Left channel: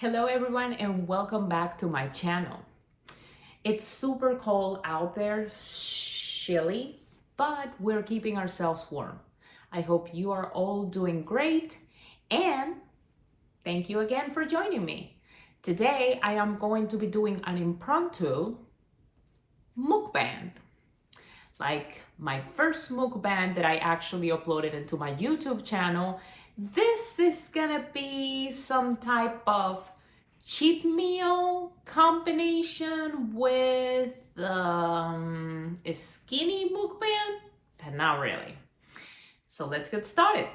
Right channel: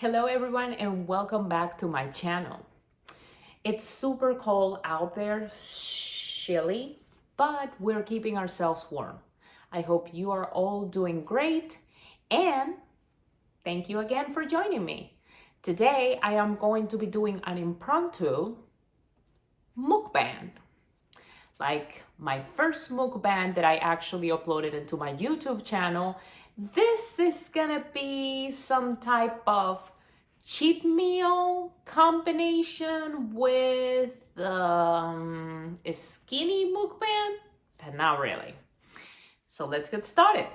Hello everyone and welcome back to my channel. It's super cold out there, chilly, but we're keeping ourselves warm. I hope you are all doing great and thank you again for joining me. Today I am going to be doing an impromptu mukbang. Like my first mukbang that I actually uploaded into my YouTube channel. This is gonna be some type of cheat meal combination with a skinny mukbang, but not really. So let's get started.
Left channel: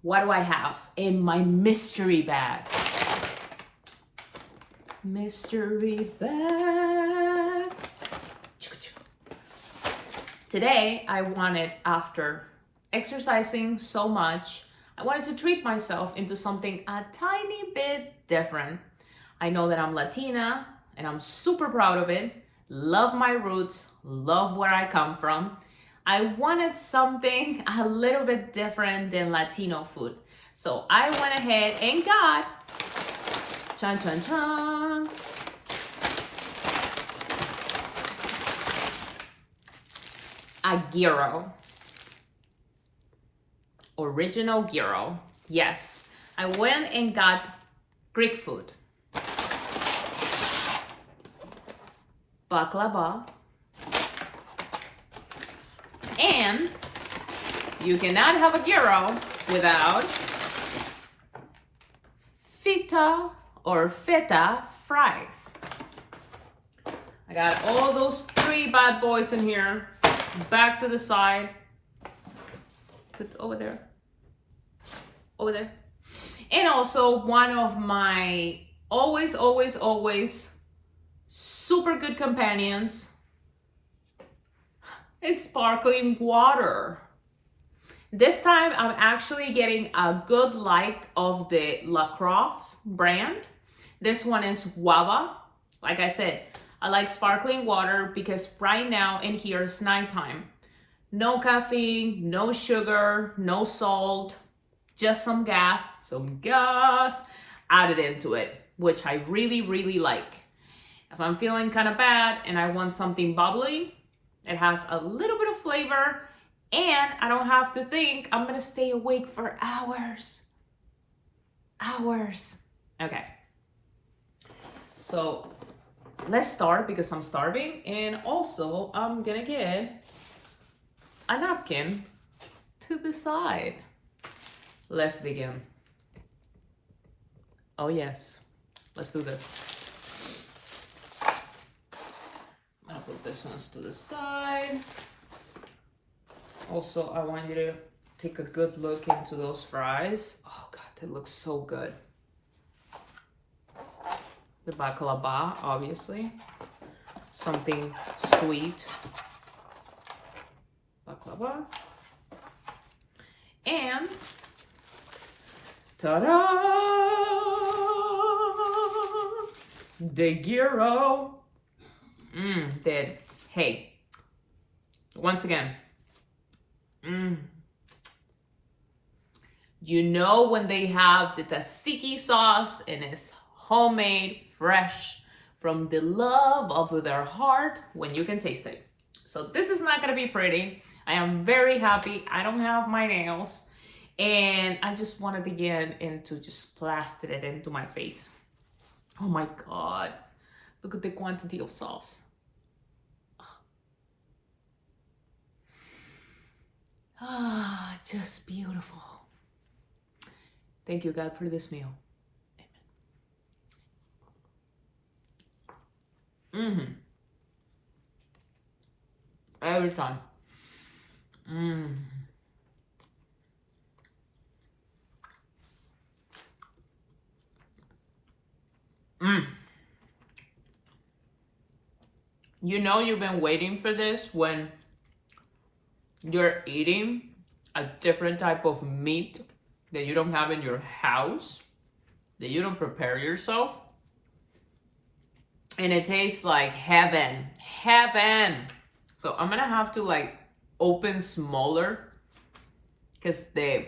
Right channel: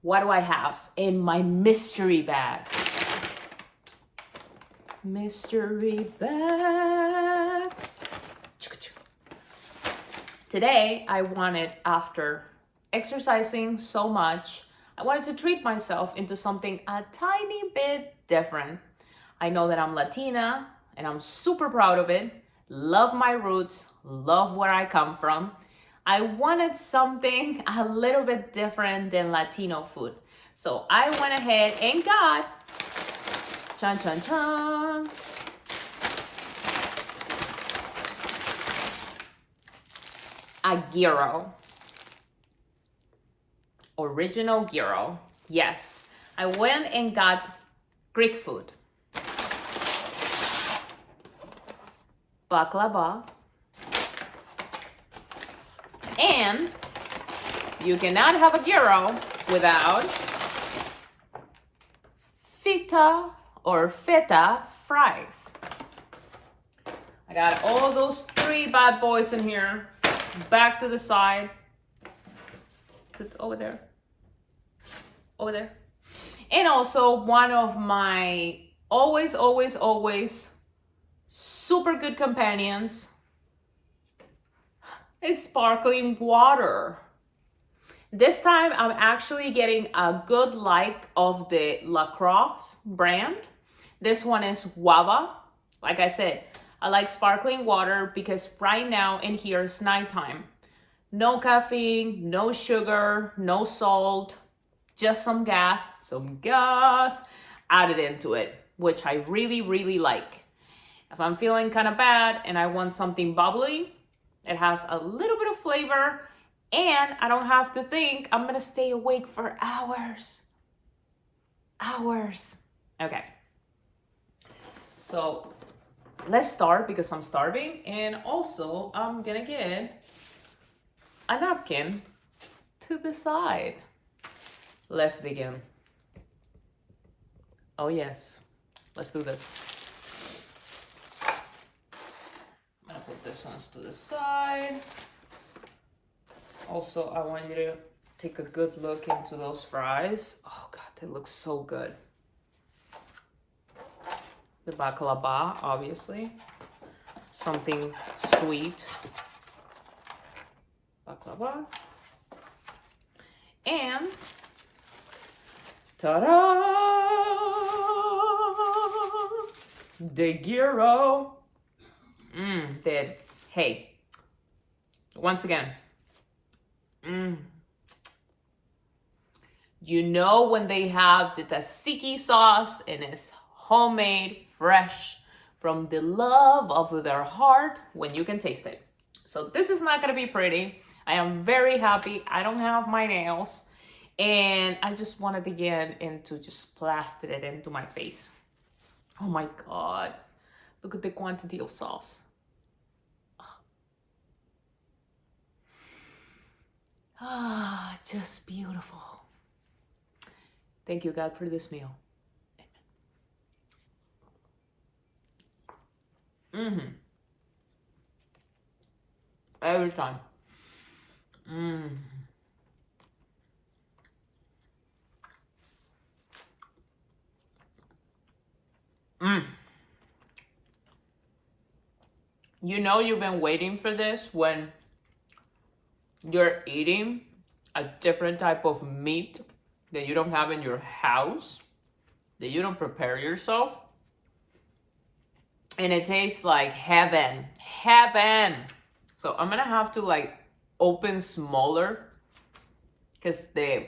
What do I have in my mystery bag? Mystery bag. Today, I wanted, after exercising so much, I wanted to treat myself into something a tiny bit different. I know that I'm Latina and I'm super proud of it. Love my roots, love where I come from. I wanted something a little bit different than Latino food. So I went ahead and got, chan chan chan, a gyro. Original gyro. Yes, I went and got Greek food. Baklava. And you cannot have a gyro without feta fries. I got all those three bad boys in here. Back to the side. Put over there. Over there. And also one of my always super good companions is sparkling water. This time I'm actually getting a good like of the La Croix brand. This one is guava. Like I said, I like sparkling water because right now in here it's nighttime. No caffeine, no sugar, no salt, just some gas added into it, which I really like. If I'm feeling kind of bad and I want something bubbly, it has a little bit of flavor and I don't have to think I'm gonna stay awake for hours. Okay, so let's start because I'm starving and also I'm gonna get a napkin to the side. Let's dig in. Oh yes, let's do this. I'm gonna put this one to the side. Also, I want you to take a good look into those fries. Oh God, they look so good. The baklava, obviously. Something sweet. Baklava. And ta-da! The gyro. Dead. Hey, once again. You know when they have the tzatziki sauce and it's homemade, fresh, from the love of their heart when you can taste it. So this is not gonna be pretty. I am very happy. I don't have my nails and I just want to begin into just plaster it into my face. Oh my God. Look at the quantity of sauce. Ah, just beautiful. Thank you, God, for this meal. Amen. Every time. You know you've been waiting for this when you're eating a different type of meat that you don't have in your house, that you don't prepare yourself. And it tastes like heaven. So I'm gonna have to like open smaller because the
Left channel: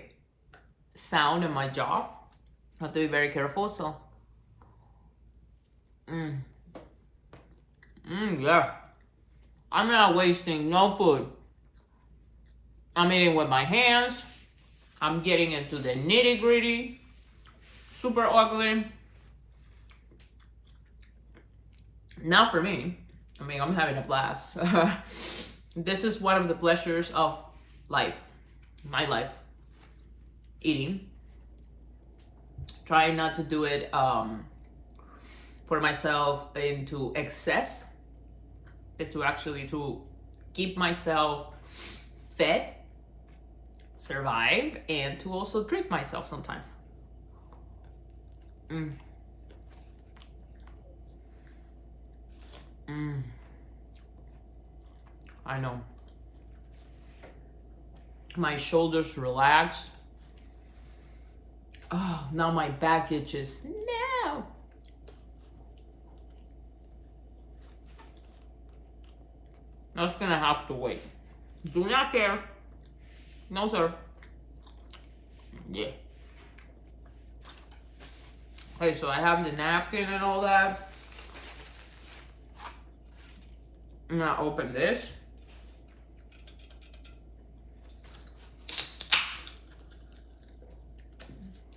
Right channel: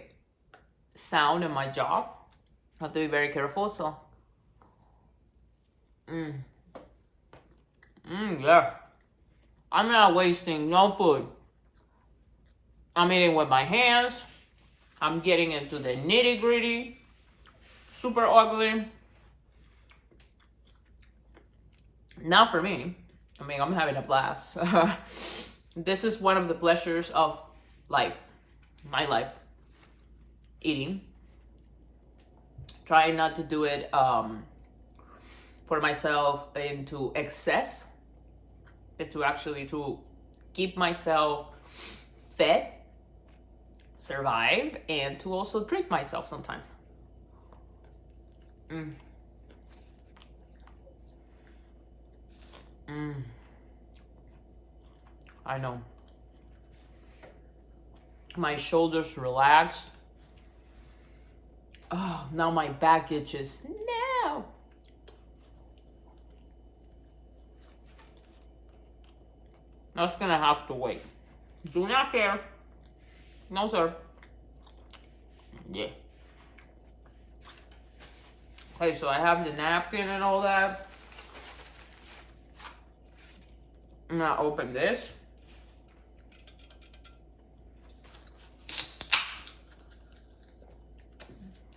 sound in my jaw. I have to be very careful. So Yeah. I'm not wasting no food. I'm eating with my hands. I'm getting into the nitty gritty. Super ugly. Not for me. I mean, I'm having a blast. This is one of the pleasures of life. My life. Eating. Trying not to do it for myself into excess. But to actually to keep myself fed, survive, and to also treat myself sometimes. I know. My shoulders relax. Oh, now my back itches. No. That's gonna have to wait. Do not care. No, sir. Yeah. Okay, so I have the napkin and all that. I'm gonna open this.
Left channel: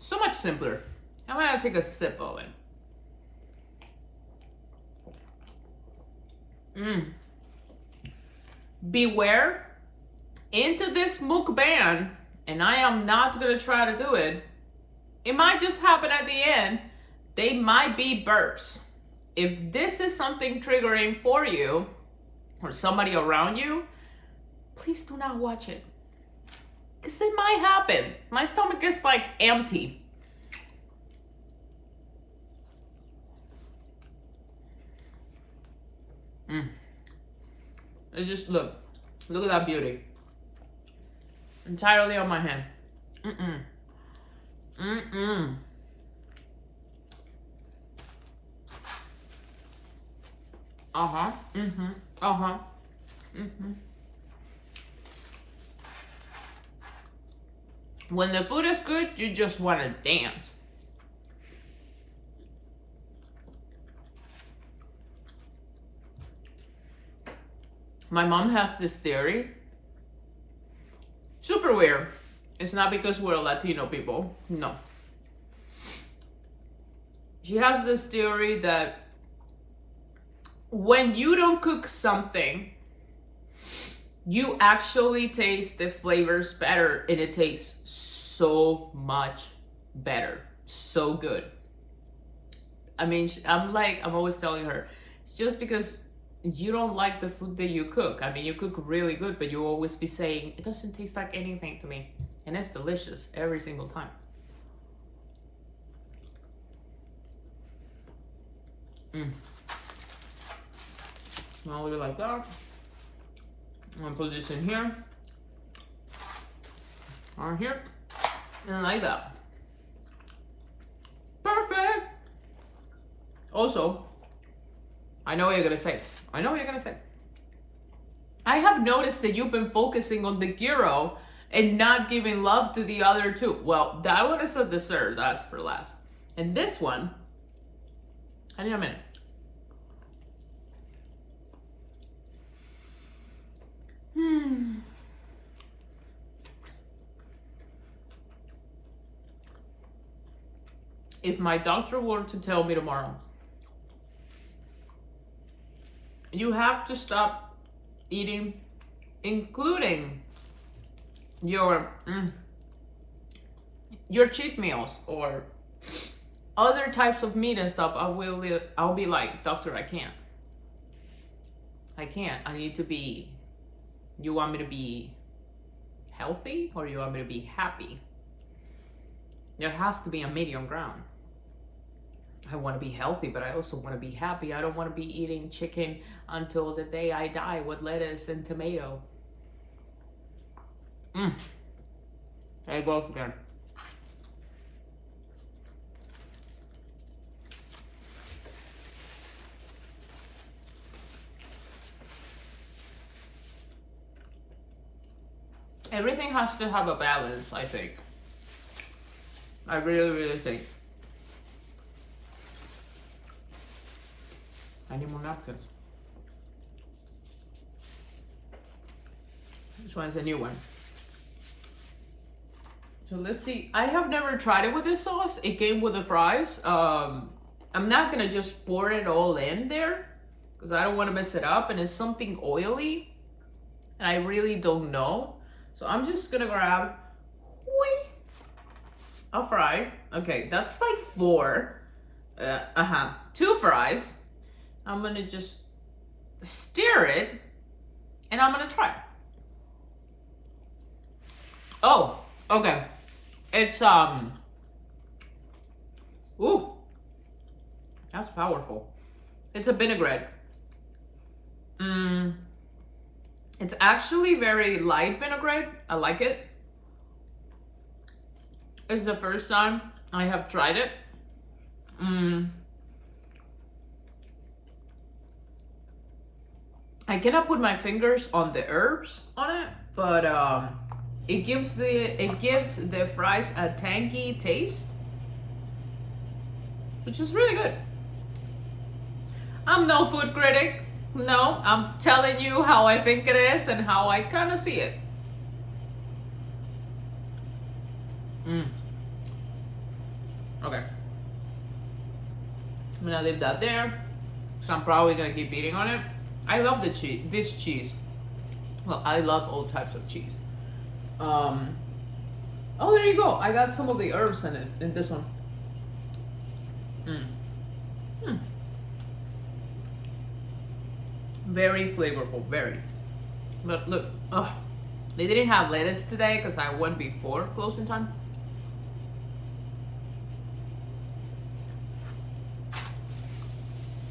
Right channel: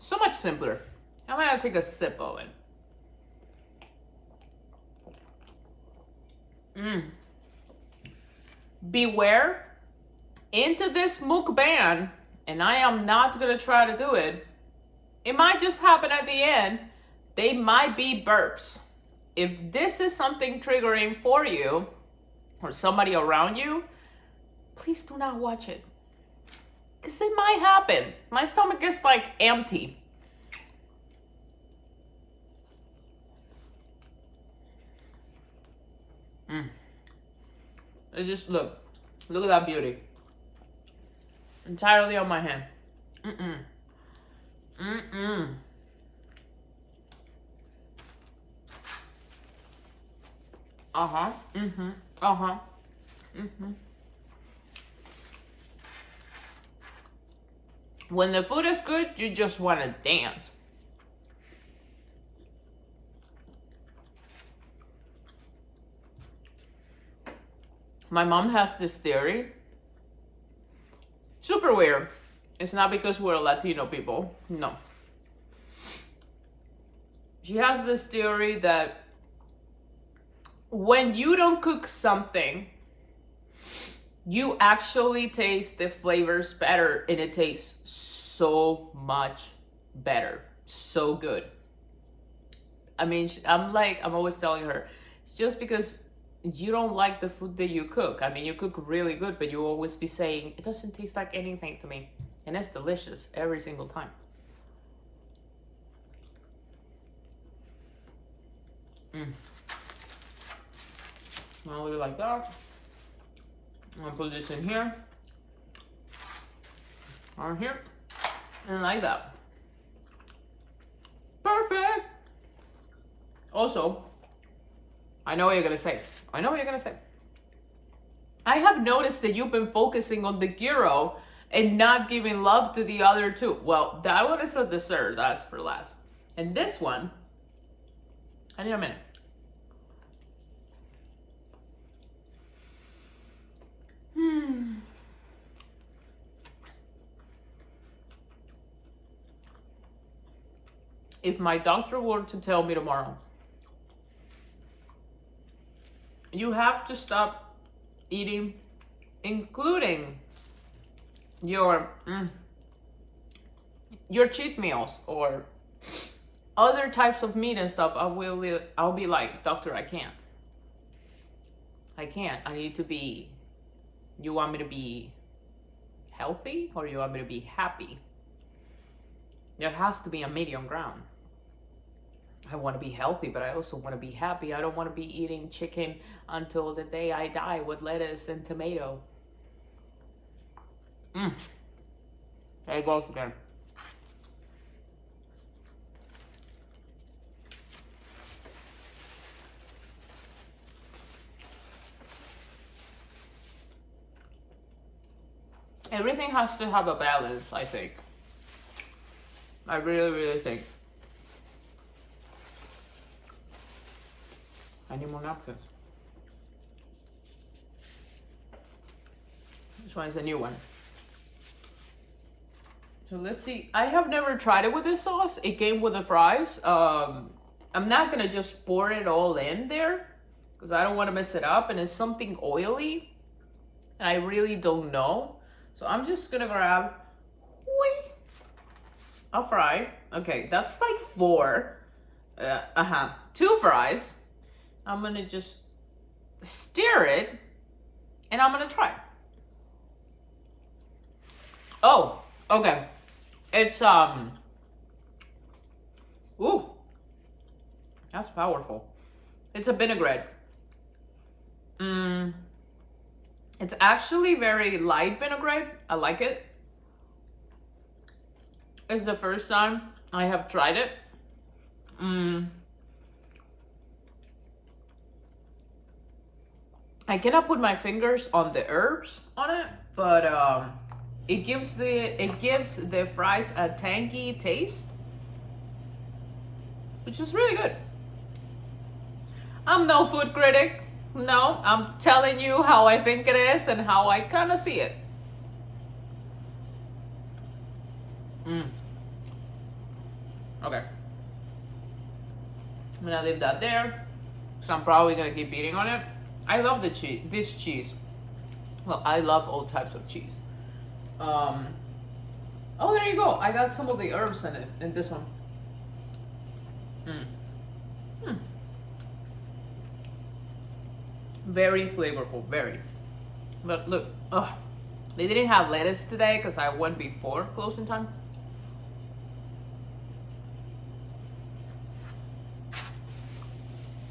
So much simpler. I'm gonna take a sip of it. Beware, into this mukbang, and I am not gonna try to do it. It might just happen at the end. They might be burps. If this is something triggering for you or somebody around you, please do not watch it. Because it might happen. My stomach is like empty. It's just, look at that beauty. Entirely on my hand. When the food is good, you just want to dance. My mom has this theory. Super weird. It's not because we're Latino people. No. She has this theory that when you don't cook something, you actually taste the flavors better, and it tastes so much better. So good. I mean, I'm always telling her, it's just because you don't like the food that you cook. I mean, you cook really good, but you always be saying, it doesn't taste like anything to me. And it's delicious every single time. Now we like that. I'm gonna put this in here. On here. And like that. Perfect! Also, I know what you're gonna say. I have noticed that you've been focusing on the gyro and not giving love to the other two. Well, that one is a dessert. That's for last. And this one, I need a minute. If my doctor were to tell me tomorrow, you have to stop eating, including your cheat meals or other types of meat and stuff, I'll be like, doctor, I can't. I need to be. You want me to be healthy or you want me to be happy? There has to be a medium ground. I want to be healthy, but I also want to be happy. I don't want to be eating chicken until the day I die with lettuce and tomato. There it goes again. Everything has to have a balance, I think. I really, really think. I need more napkins. This one is a new one. So let's see. I have never tried it with this sauce. It came with the fries. I'm not gonna just pour it all in there because I don't want to mess it up, and it's something oily and I really don't know. So I'm just gonna grab a fry. Okay, that's like 4. 2 fries. I'm gonna just stir it and I'm gonna try. Oh, okay. It's ooh, that's powerful. It's a vinaigrette. It's actually very light vinaigrette. I like it. It's the first time I have tried it. I cannot put my fingers on the herbs on it, but it gives the fries a tangy taste, which is really good. I'm no food critic. No, I'm telling you how I think it is and how I kind of see it. Okay. I'm gonna leave that there, so I'm probably gonna keep eating on it. I love the cheese. This cheese. Well, I love all types of cheese. Oh, there you go. I got some of the herbs in it in this one. Very flavorful, very. But look, they didn't have lettuce today because I went before closing time.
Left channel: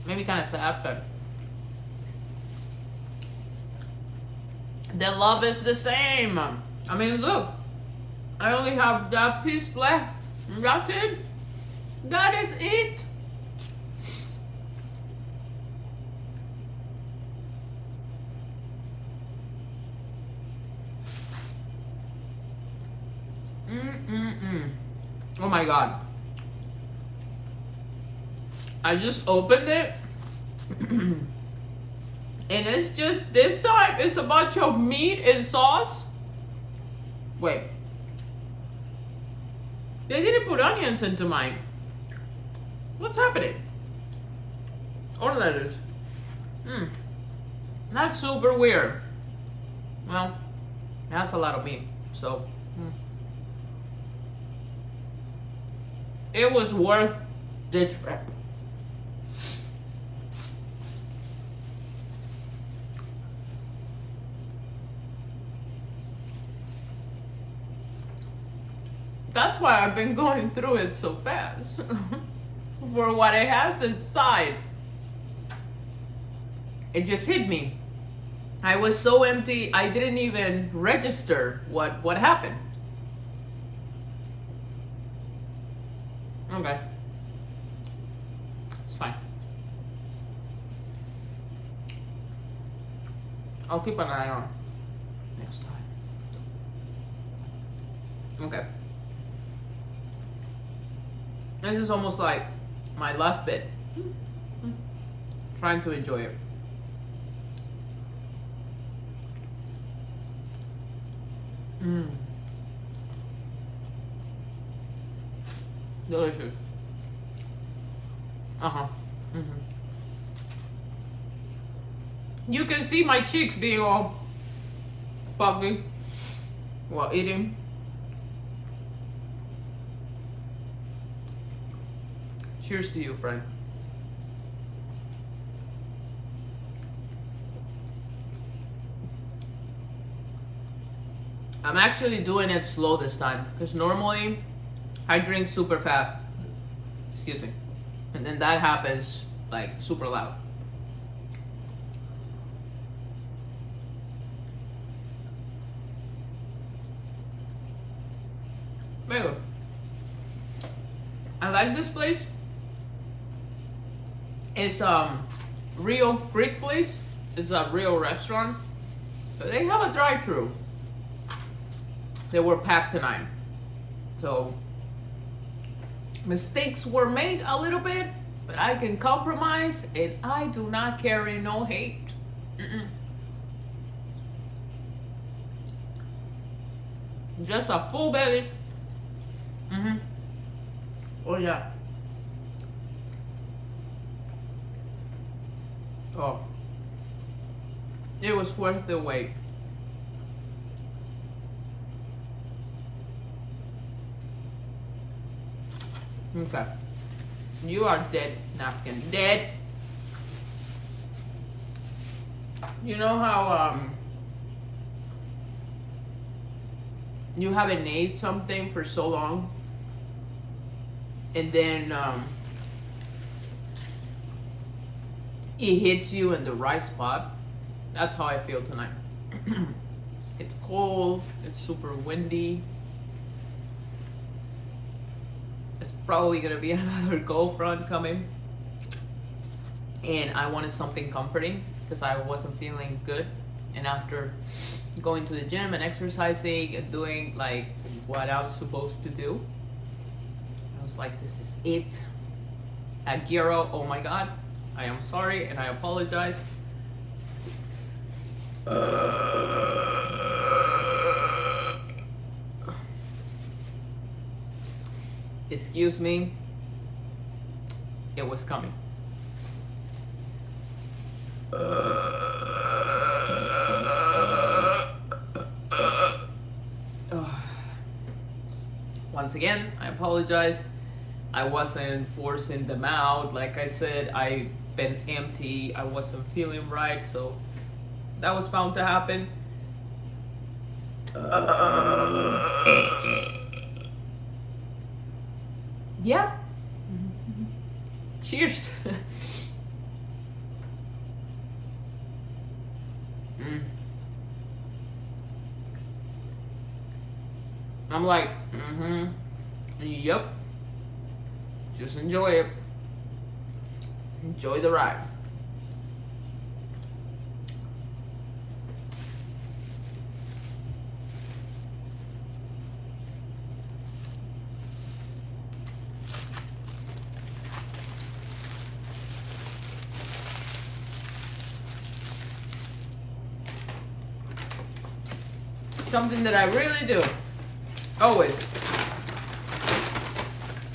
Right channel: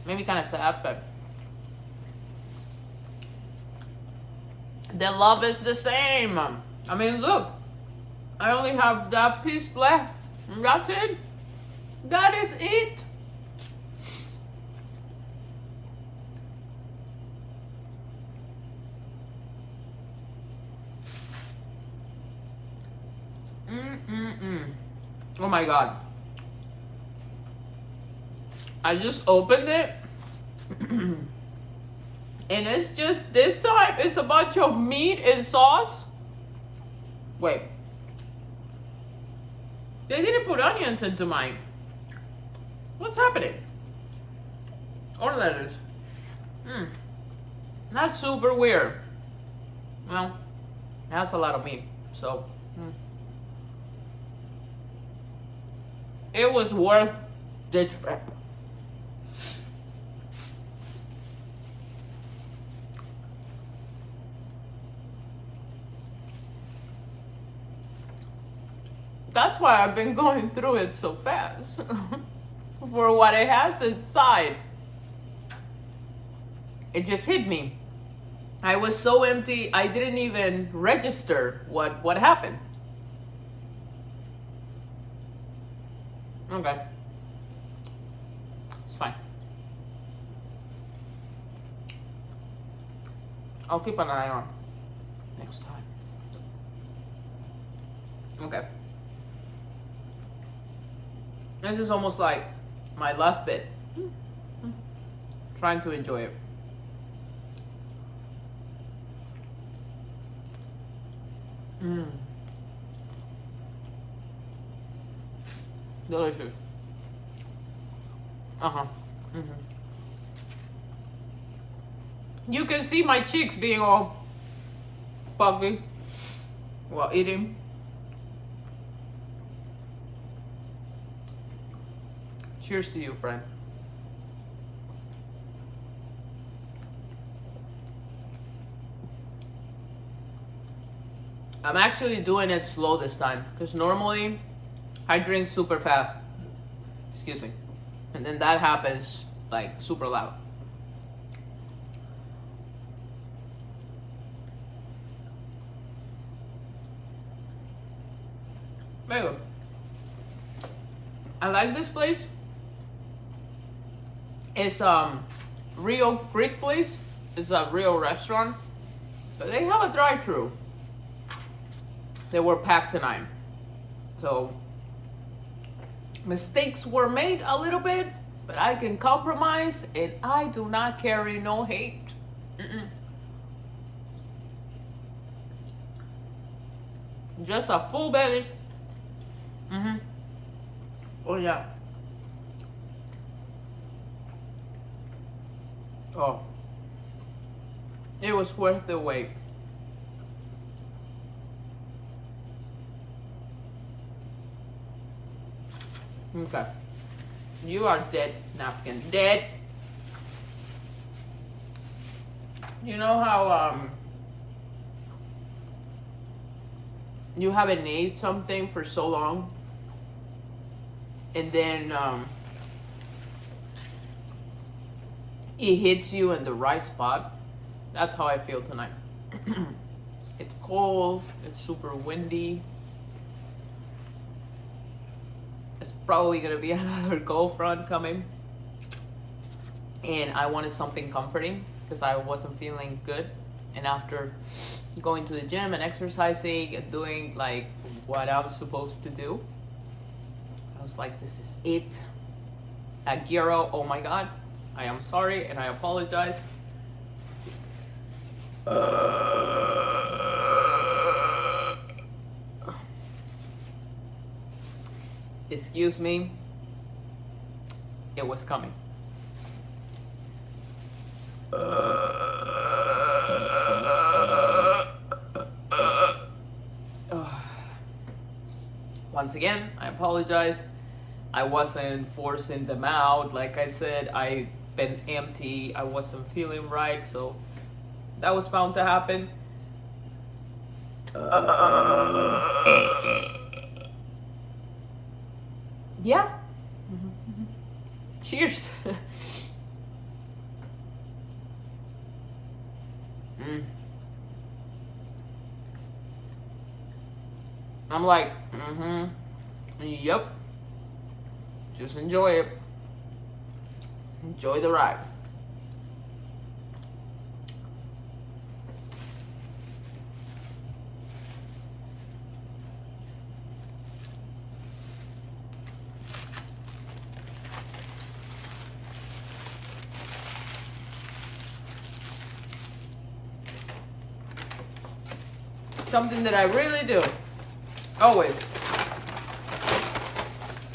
Maybe kind of sad, but the love is the same. I mean, look, I only have that piece left. That's it. That is it. Oh my God. I just opened it. And it's just, this time, it's a bunch of meat and sauce. Wait. They didn't put onions into mine. What's happening? Or lettuce. That's super weird. Well, that's a lot of meat, so. It was worth the trip. That's why I've been going through it so fast. For what it has inside. It just hit me. I was so empty, I didn't even register what happened. Okay. It's fine. I'll keep an eye on next time. Okay. This is almost like my last bit. Trying to enjoy it. Delicious. You can see my cheeks being all puffy while eating. Cheers to you, friend. I'm actually doing it slow this time because normally I drink super fast. Excuse me. And then that happens like super loud. Very good. I like this place. It's Rio Creek place. It's a real restaurant. But they have a drive-thru. They were packed tonight. So mistakes were made a little bit, But I can compromise, and I do not carry no hate. Just a full belly. Oh yeah. Oh, it was worth the wait. Okay, you are dead, napkin, dead. You know how you haven't ate something for so long, and then it hits you in the right spot? That's how I feel tonight. It's cold, it's super windy. It's probably gonna be another cold front coming. And I wanted something comforting because I wasn't feeling good. And after going to the gym and exercising and doing like what I was supposed to do, I was like, this is it. At gyro, oh my God, I am sorry and I apologize. Excuse me, it was coming. Once again, I apologize. I wasn't forcing them out. Like I said, I've been empty. I wasn't feeling right, so that was bound to happen. Yeah. Cheers. I'm like, yep. Just enjoy it. Enjoy the ride. Something that I really do, always,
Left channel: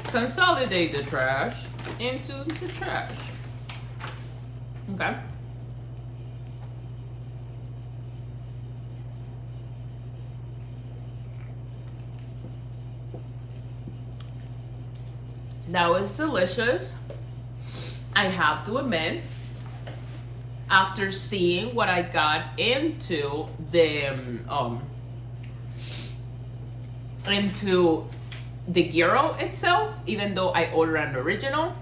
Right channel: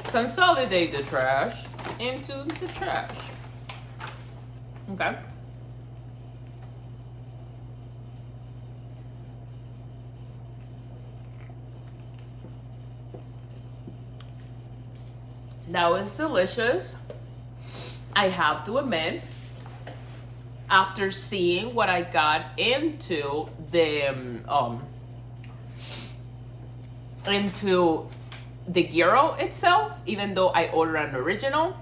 consolidate the trash into the trash. Okay. That was delicious. I have to admit, after seeing what I got into the gyro itself, even though I ordered an original,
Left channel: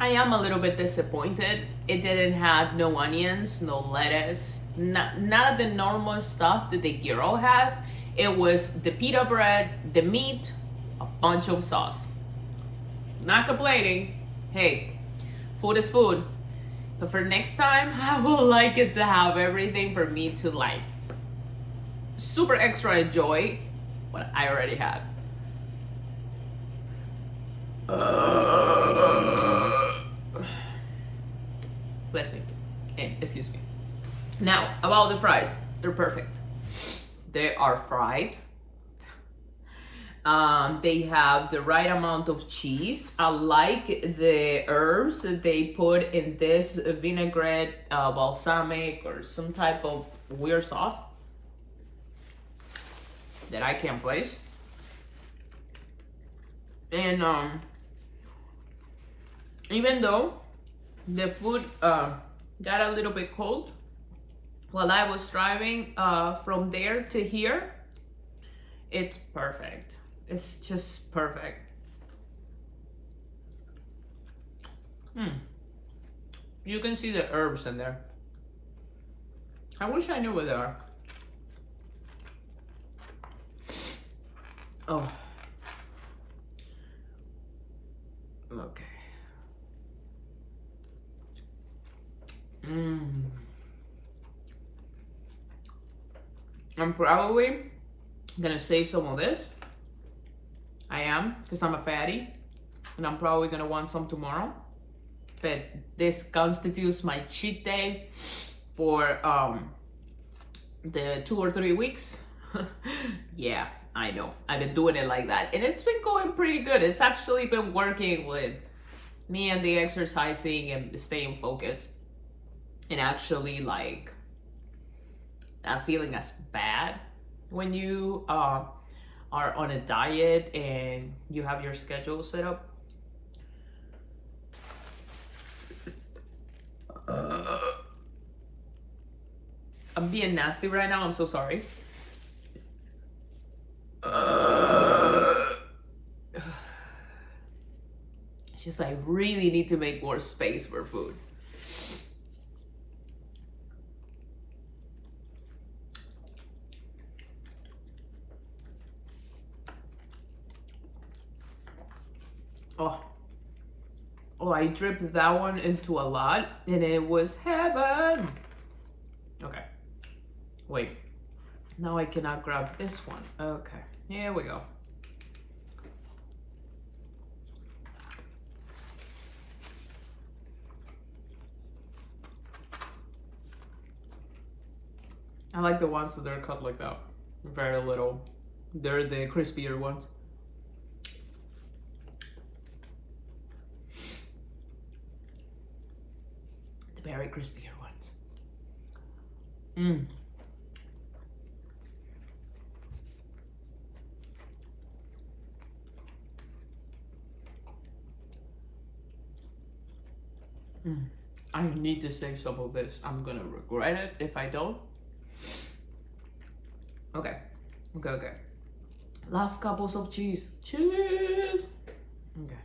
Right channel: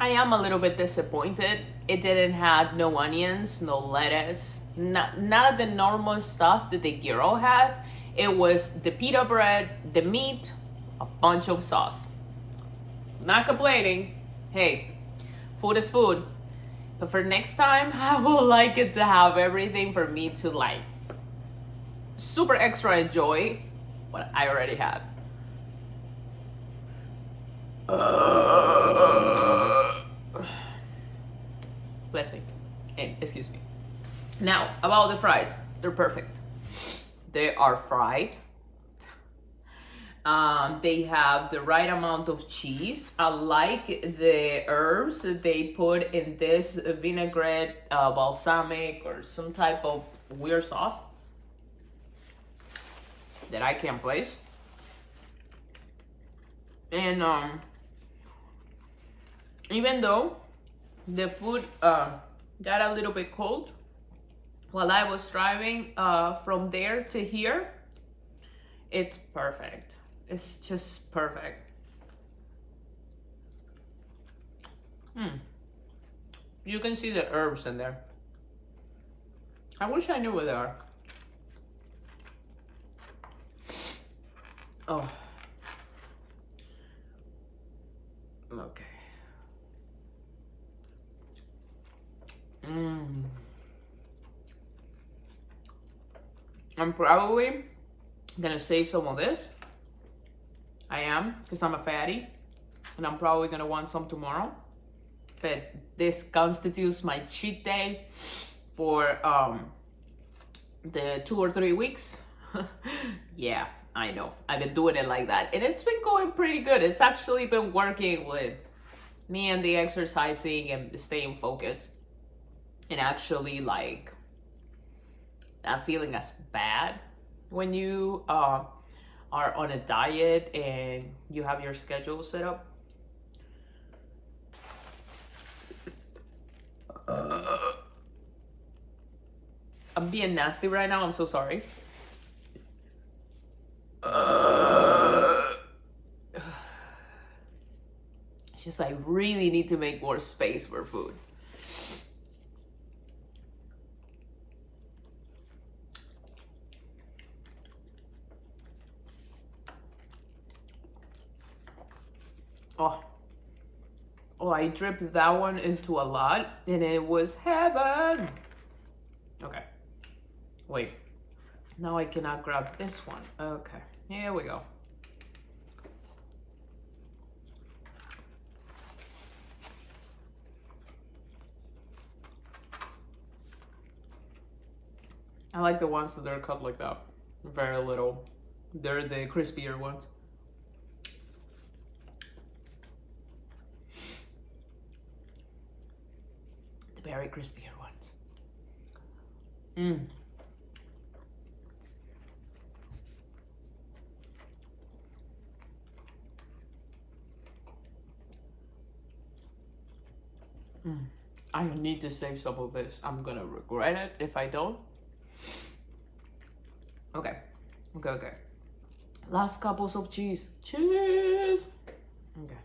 I am a little bit disappointed. It didn't have no onions, no lettuce, none of the normal stuff that the gyro has. It was the pita bread, the meat, a bunch of sauce. Not complaining. Hey, food is food. But for next time, I would like it to have everything for me to like super extra enjoy what I already had. Bless me. Hey, excuse me. Now, about the fries. They're perfect. They are fried. They have the right amount of cheese. I like the herbs that they put in this vinaigrette, balsamic, or some type of weird sauce that I can't place. And even though the food got a little bit cold while I was driving from there to here, it's perfect. It's just perfect. You can see the herbs in there. I wish I knew where they are. Oh. Okay. I'm probably gonna save some of this. I am, because I'm a fatty, and I'm probably gonna want some tomorrow. but this constitutes my cheat day for the 2 or 3 weeks. Yeah, I know. I've been doing it like that, and it's been going pretty good. It's actually been working with me and the exercising and staying focused, and actually like not feeling as bad when you are on a diet and you have your schedule set up. I'm being nasty right now. I'm so sorry. It's just I really need to make more space for food. Oh, I dripped that one into a lot and it was heaven. Okay, wait. Now I cannot grab this one. Okay, here we go. I like the ones that are cut like that. Very little. They're the crispier ones. The very crispier ones. I need to save some of this. I'm gonna regret it if I don't. Okay. Last couples of cheese. Cheese! Okay.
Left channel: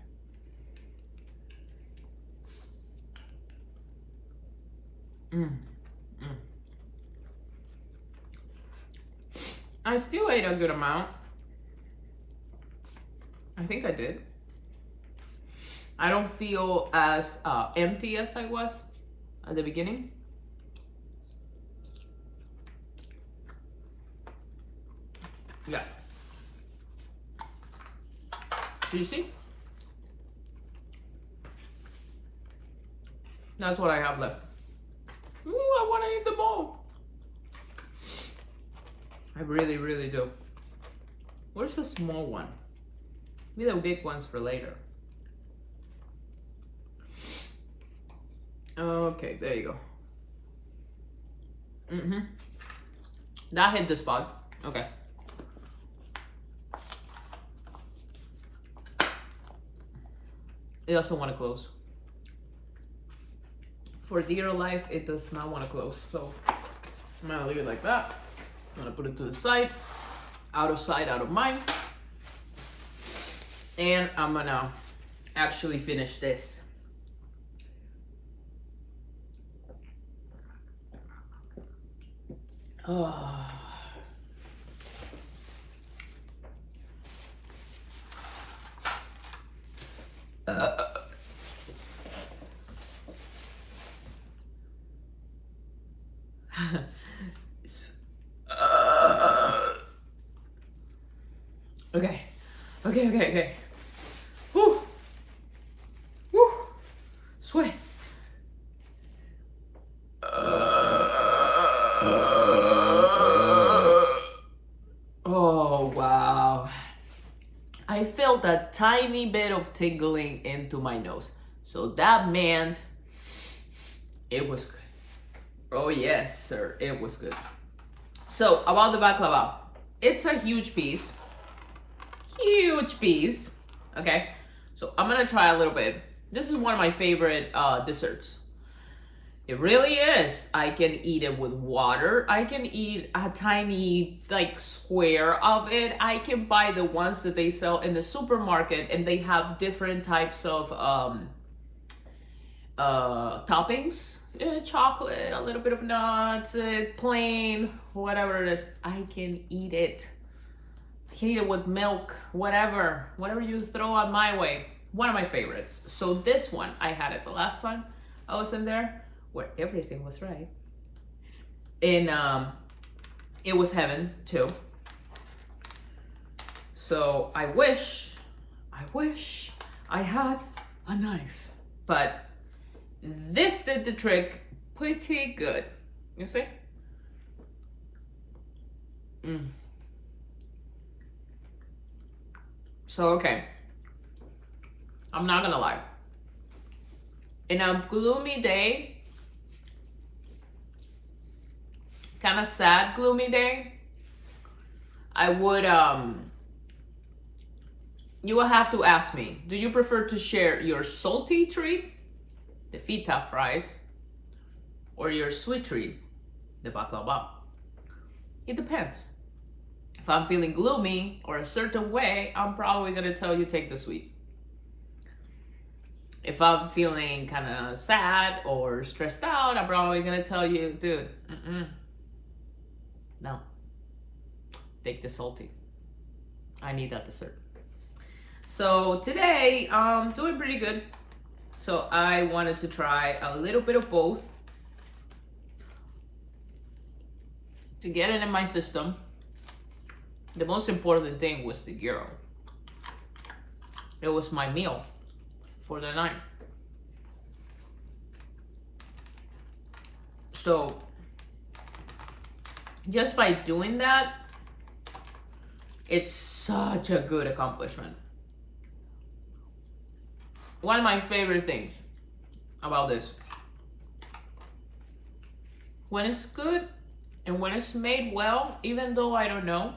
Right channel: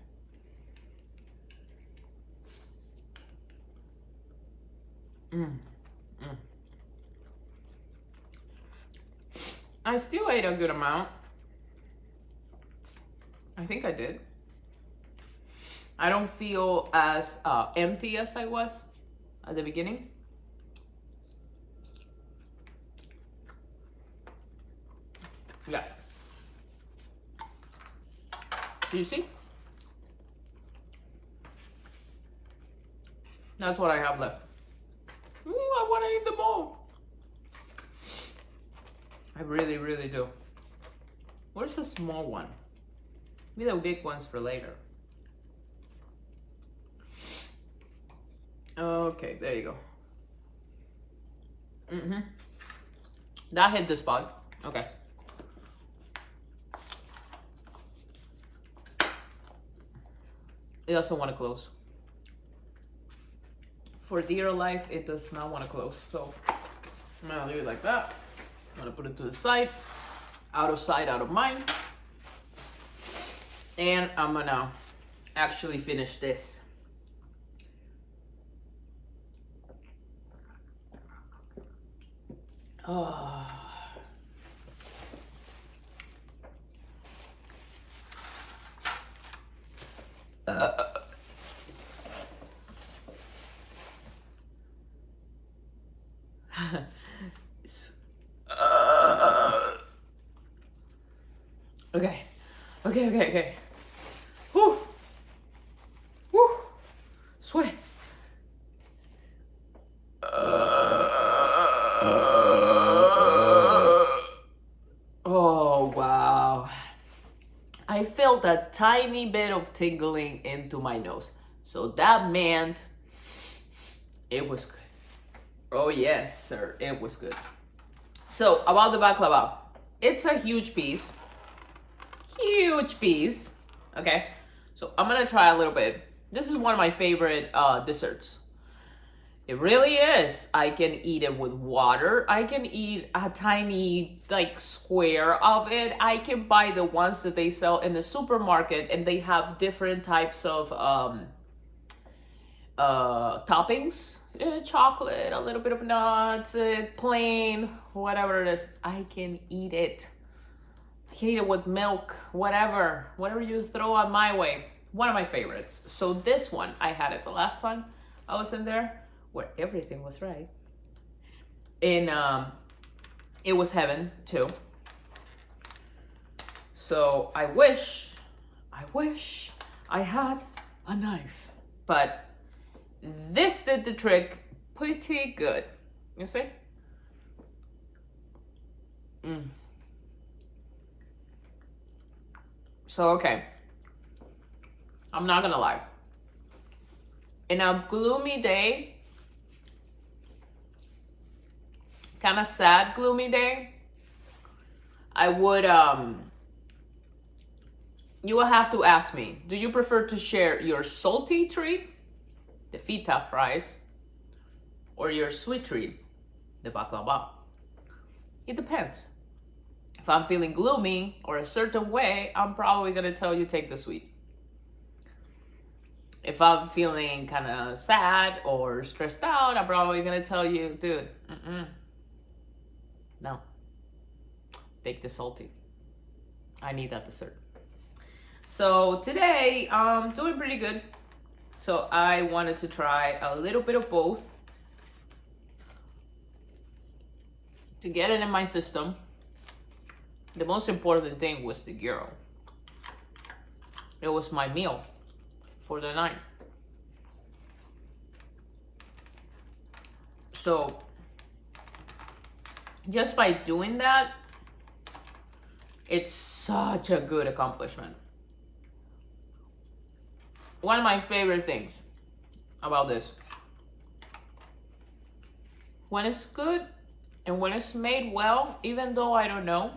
I still ate a good amount. I think I did. I don't feel as empty as I was at the beginning. Yeah. Do you see? That's what I have left. Ooh, I want to eat them all. I really, really do. Where's the small one? Maybe the big ones for later. Okay, there you go. That hit the spot. Okay. It doesn't want to close. For dear life, it does not want to close. So I'm gonna leave it like that. I'm gonna put it to the side. Out of sight, out of mind. And I'm gonna actually finish this. Oh. Okay. Whew. Sweat. Oh, wow. I felt a tiny bit of tingling into my nose. So that meant it was good. Oh, yes, sir. It was good. So about the baklava, it's a huge piece. Okay, so I'm gonna try a little bit. This is one of my favorite desserts. It really is. I can eat it with water. I can eat a tiny like square of it. I can buy the ones that they sell in the supermarket, and they have different types of toppings. Chocolate, a little bit of nuts, plain, whatever it is. I can eat it. I can eat it with milk, whatever you throw on my way. One of my favorites. So this one, I had it the last time I was in there, where everything was right. And it was heaven too. So I wish I had a knife, but this did the trick pretty good. You see? So, okay. I'm not gonna lie. In a gloomy day, kind of sad, gloomy day, I would, you will have to ask me, do you prefer to share your salty treat, the feta fries, or your sweet treat, the baklava? It depends. If I'm feeling gloomy or a certain way, I'm probably gonna tell you take the sweet. If I'm feeling kind of sad or stressed out, I'm probably gonna tell you, dude, no, take the salty. I need that dessert. So today, I'm doing pretty good. So I wanted to try a little bit of both to get it in my system. The most important thing was the gyro. It was my meal for the night. So just by doing that, it's such a good accomplishment. One of my favorite things about this, when it's good and when it's made well, even though I don't know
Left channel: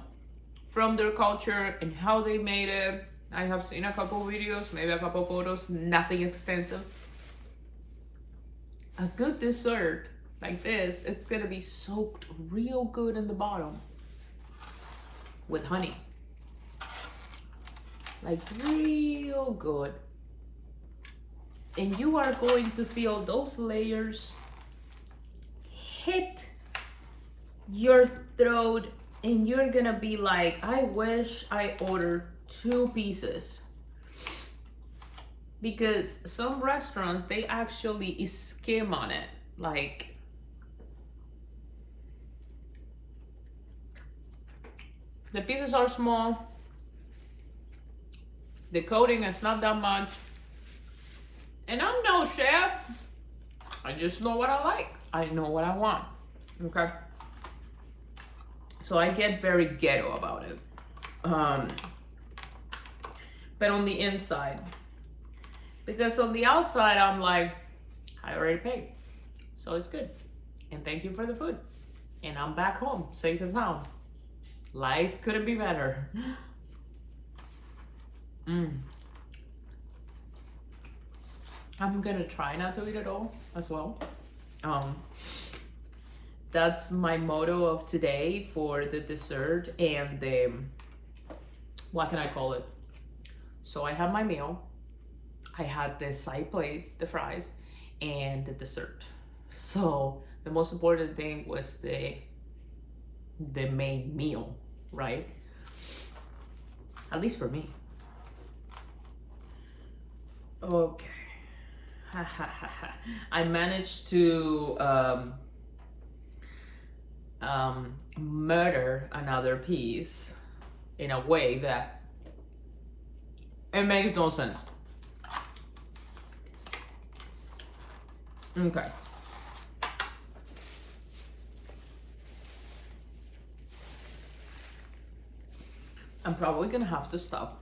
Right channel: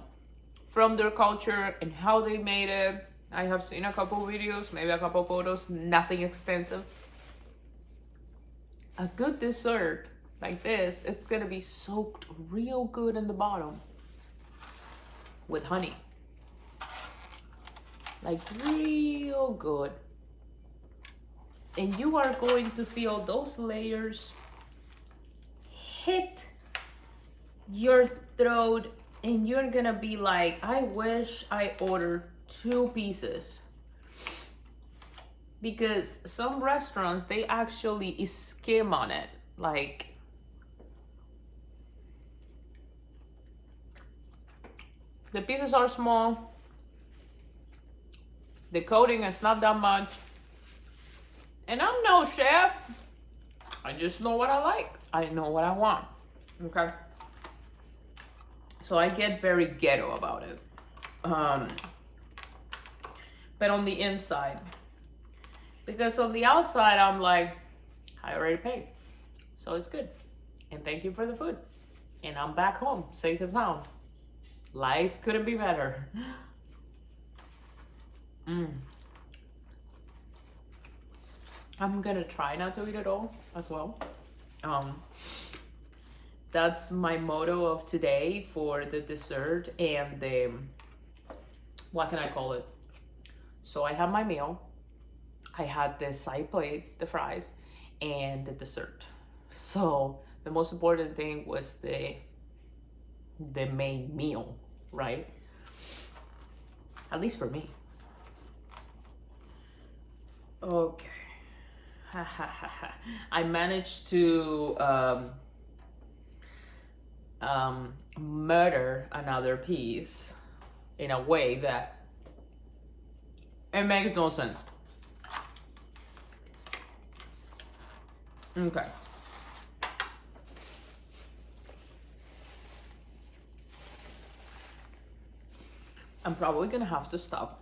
from their culture and how they made it, I have seen a couple videos, maybe a couple photos, nothing extensive. A good dessert like this, it's gonna be soaked real good in the bottom with honey. Like real good. And you are going to feel those layers hit your throat, and you're gonna be like, I wish I ordered 2 pieces. Because some restaurants, they actually skim on it. Like, the pieces are small, the coating is not that much, and I'm no chef. I just know what I like. I know what I want, okay? So I get very ghetto about it. But on the inside, because on the outside, I'm like, I already paid, so it's good. And thank you for the food. And I'm back home, safe and sound. Life couldn't be better. I'm gonna try not to eat it all as well. That's my motto of today for the dessert and the, what can I call it? So I have my meal. I had the side plate, the fries, and the dessert. So the most important thing was the main meal, right? At least for me. Okay. I managed to murder another piece in a way that it makes no sense. Okay. I'm probably gonna have to stop.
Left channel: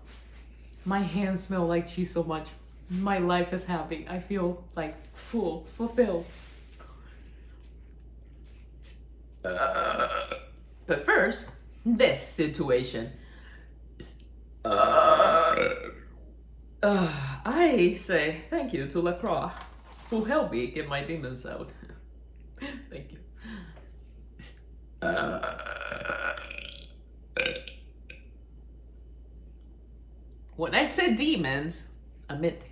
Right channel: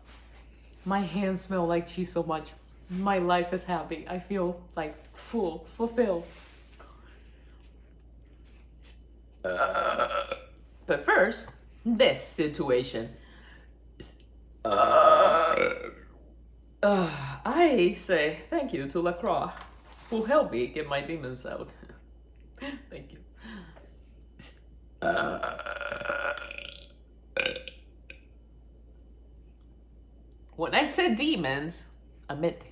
My hands smell like cheese so much. My life is happy. I feel like fulfilled. But first, this situation. I say thank you to LaCroix, who helped me get my demons out. Thank you. When I said demons, I meant it.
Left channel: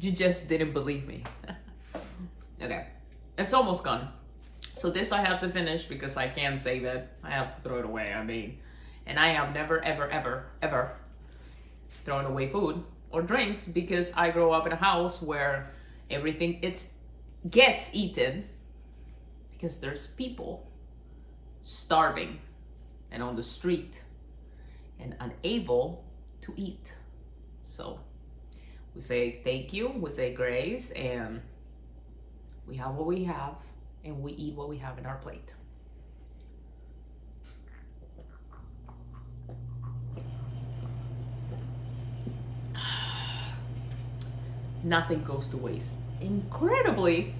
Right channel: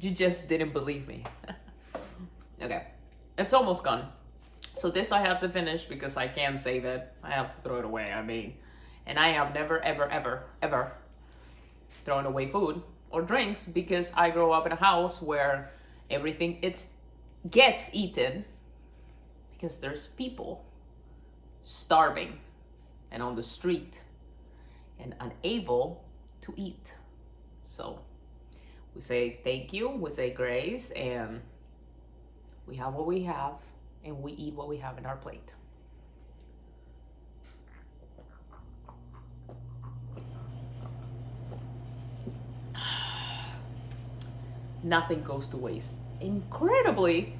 You just didn't believe me. Okay, it's almost gone. So this I have to finish because I can't save it. I have to throw it away. I mean, and I have never, ever thrown away food or drinks because I grew up in a house where everything gets eaten because there's people starving and on the street and unable to eat. So we say thank you, we say grace, and We have what we have, and we eat what we have in our plate. Nothing goes to waste. Incredibly,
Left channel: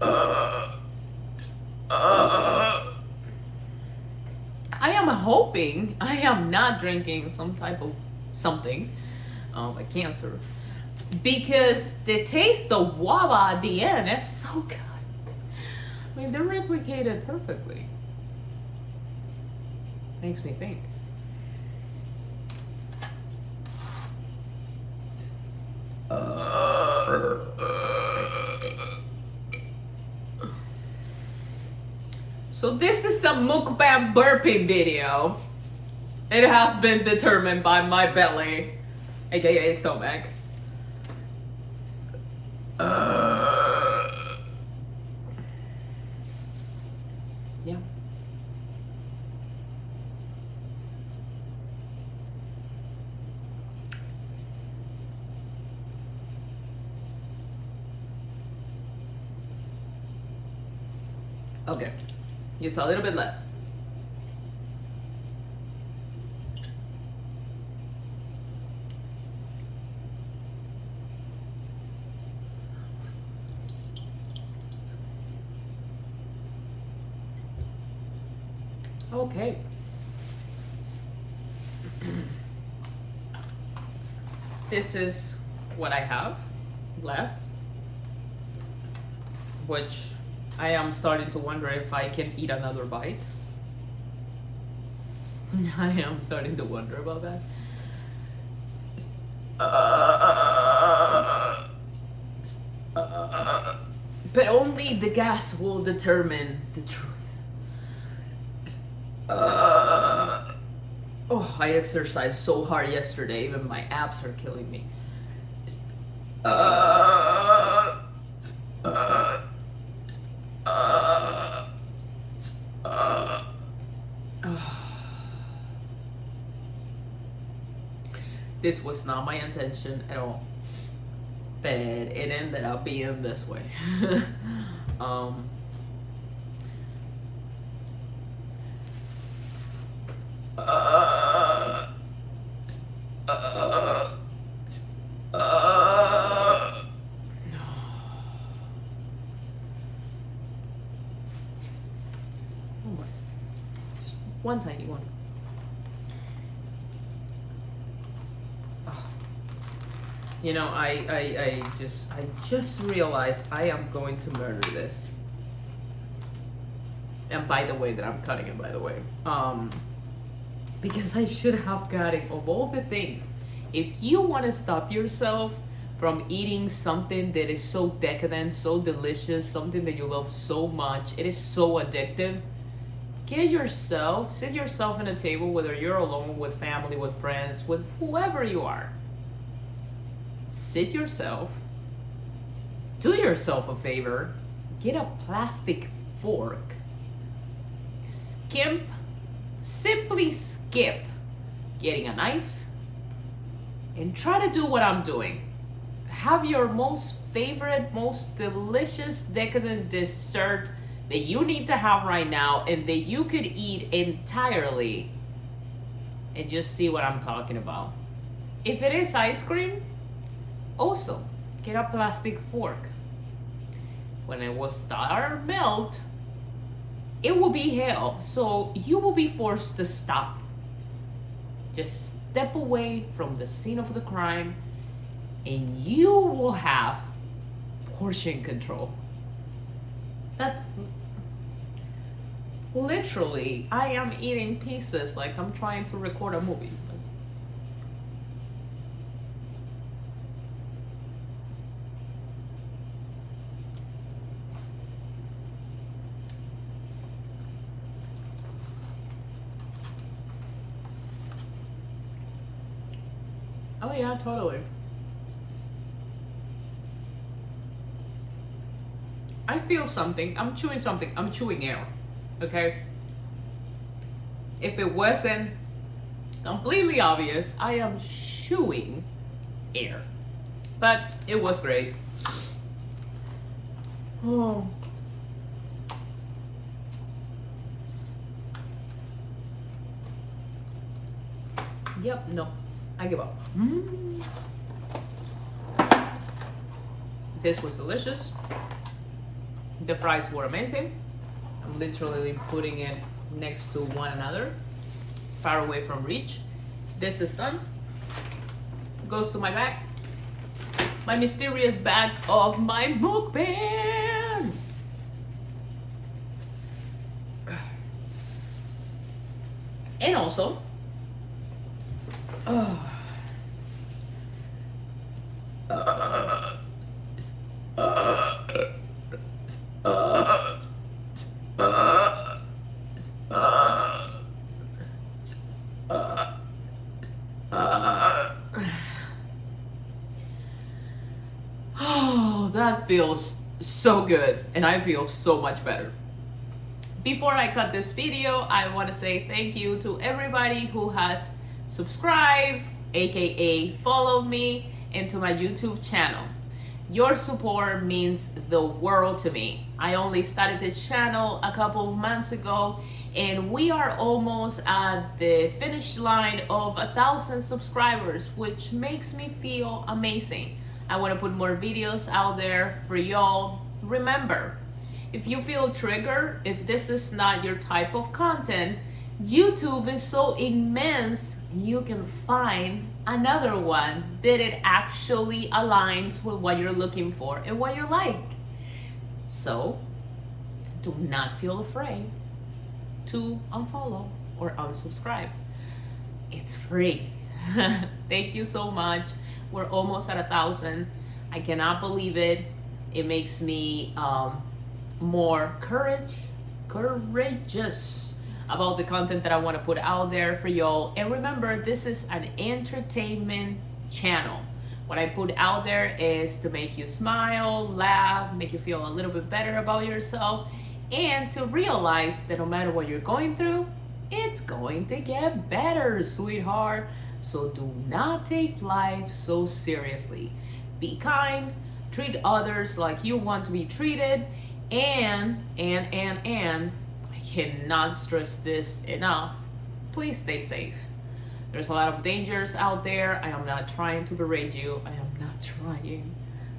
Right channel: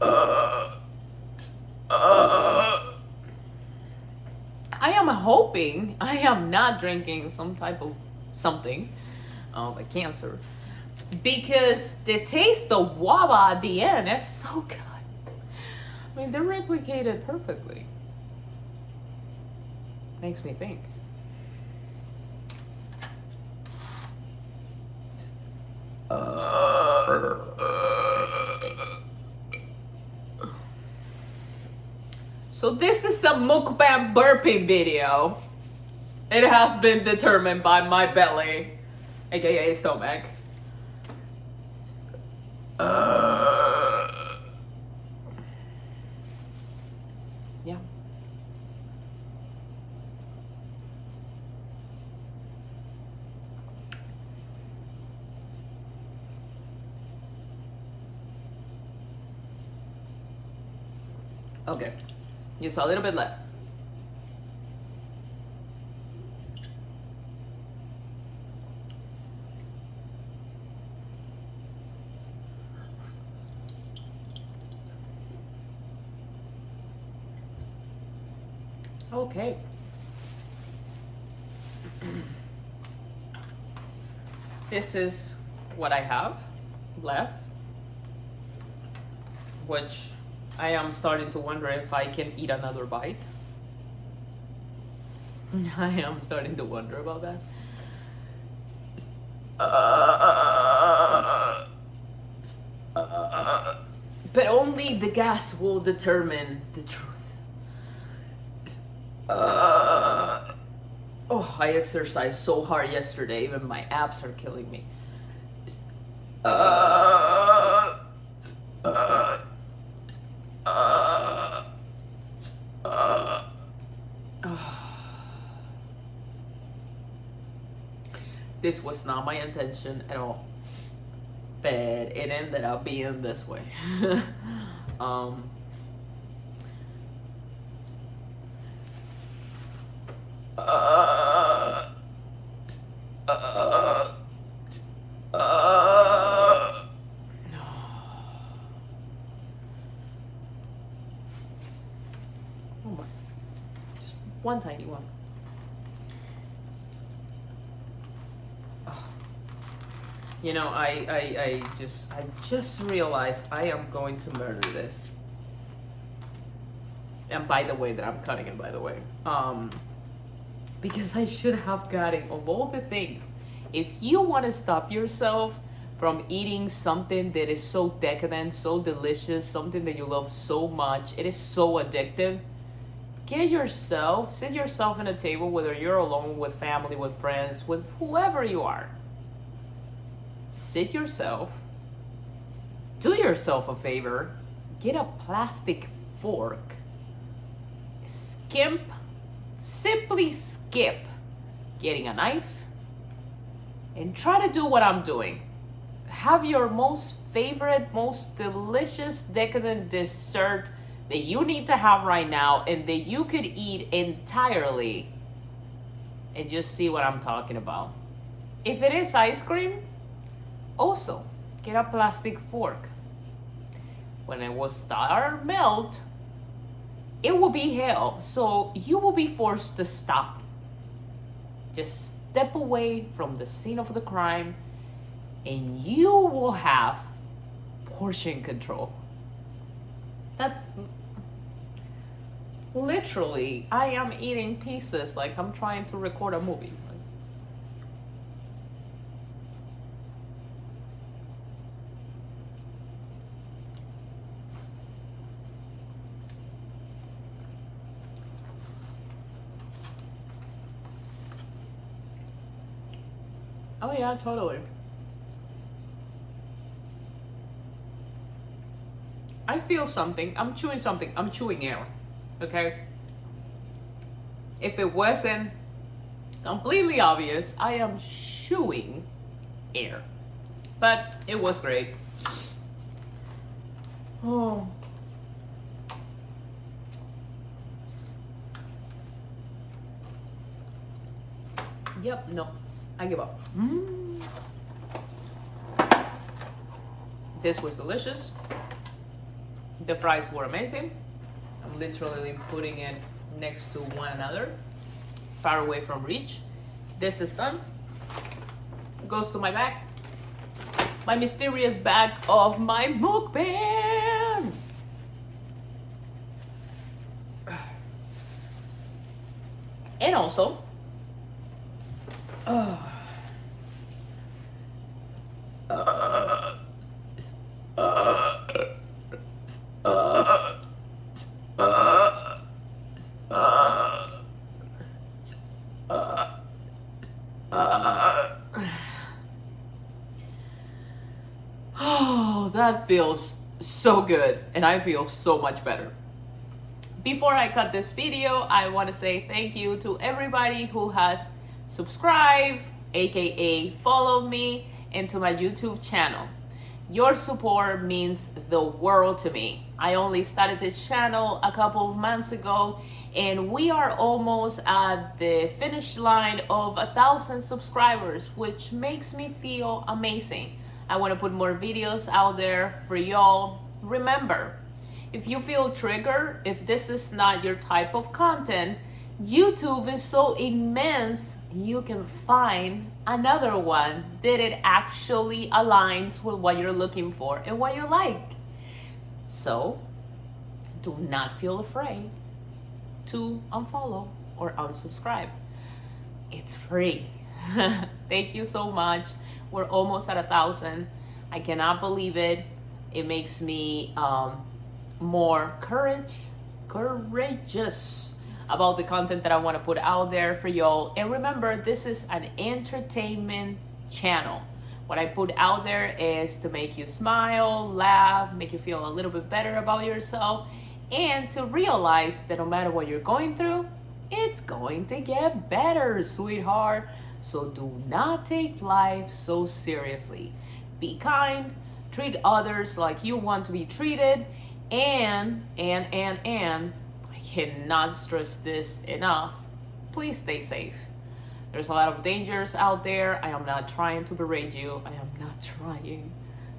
I am hoping I am not drinking some type of something, like cancer, because the taste of guava at the end is so good. I mean, they're replicated perfectly. Makes me think. So this is a mukbang burping video. It has been determined by my belly, aka stomach. Yeah. Okay. Just a little bit left. Okay. This is what I have left, which I am starting to wonder if I can eat another bite. I am starting to wonder about that. But only the gas will determine the truth. Oh, I exercised so hard yesterday, even my abs are killing me. This was not my intention at all, but it ended up being this way. Oh my. Just one tiny one. You know, I just realized I am going to murder this. And by the way that I'm cutting it, by the way. Because I should have gotten, of all the things, if you want to stop yourself from eating something that is so decadent, so delicious, something that you love so much, it is so addictive, sit yourself in a table, whether you're alone, with family, with friends, with whoever you are. Sit yourself, do yourself a favor, get a plastic fork, simply skip getting a knife, and try to do what I'm doing. Have your most favorite, most delicious, decadent dessert that you need to have right now and that you could eat entirely, and just see what I'm talking about. If it is ice cream, also get a plastic fork. When it will start melt, it will be hell. So you will be forced to stop. Just step away from the scene of the crime and you will have portion control. That's literally, I am eating pieces like I'm trying to record a movie. Oh yeah, totally. I feel something. I'm chewing something. I'm chewing air. Okay? If it wasn't completely obvious, I am chewing air. But it was great. Oh. Yep, no, I give up. This was delicious. The fries were amazing. I'm literally putting it next to one another, far away from reach. This is done. Goes to my bag. My mysterious bag of my mukbang. And also, oh, that feels so good, and I feel so much better. Before I cut this video, I want to say thank you to everybody who has subscribed, aka followed me, and to my YouTube channel. Your support means the world to me. I only started this channel a couple of months ago, and we are almost at the finish line of 1,000 subscribers, which makes me feel amazing. I want to put more videos out there for y'all. Remember, if you feel triggered, if this is not your type of content, YouTube is so immense, you can find another one that it actually aligns with what you're looking for and what you like. So do not feel afraid to unfollow or unsubscribe. It's free. Thank you so much. We're almost at 1,000. I cannot believe it. It makes me more courageous about the content that I want to put out there for y'all. And remember, this is an entertainment channel. What I put out there is to make you smile, laugh, make you feel a little bit better about yourself, and to realize that no matter what you're going through, it's going to get better, sweetheart. So do not take life so seriously. Be kind, treat others like you want to be treated, and I cannot stress this enough, please stay safe. There's a lot of dangers out there. I am not trying to berate you. I am not trying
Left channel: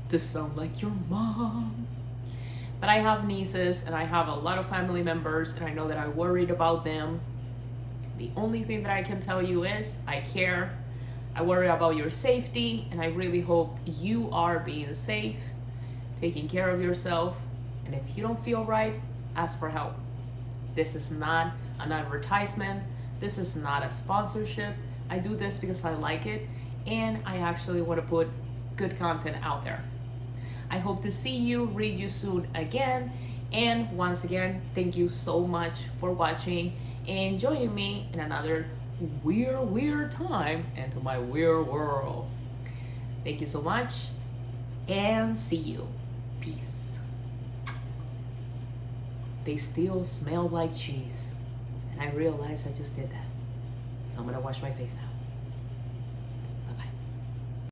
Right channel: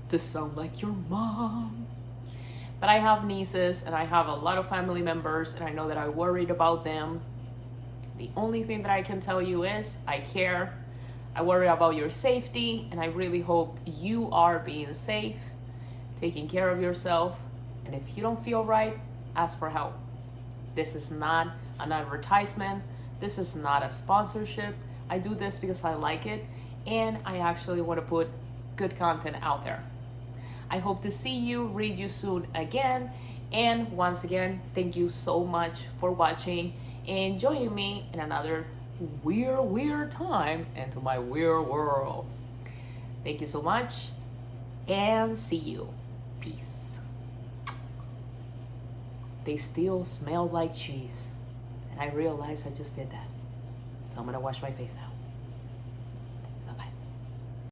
to sound like your mom. But I have nieces and I have a lot of family members, and I know that I worried about them. The only thing that I can tell you is I care. I worry about your safety, and I really hope you are being safe, taking care of yourself. And if you don't feel right, ask for help. This is not an advertisement. This is not a sponsorship. I do this because I like it, and I actually want to put good content out there. I hope to see you, read you soon again. And once again, thank you so much for watching and joining me in another weird time into my weird world. Thank you so much, and see you. Peace. They still smell like cheese, and I realize I just did that. So I'm gonna wash my face now.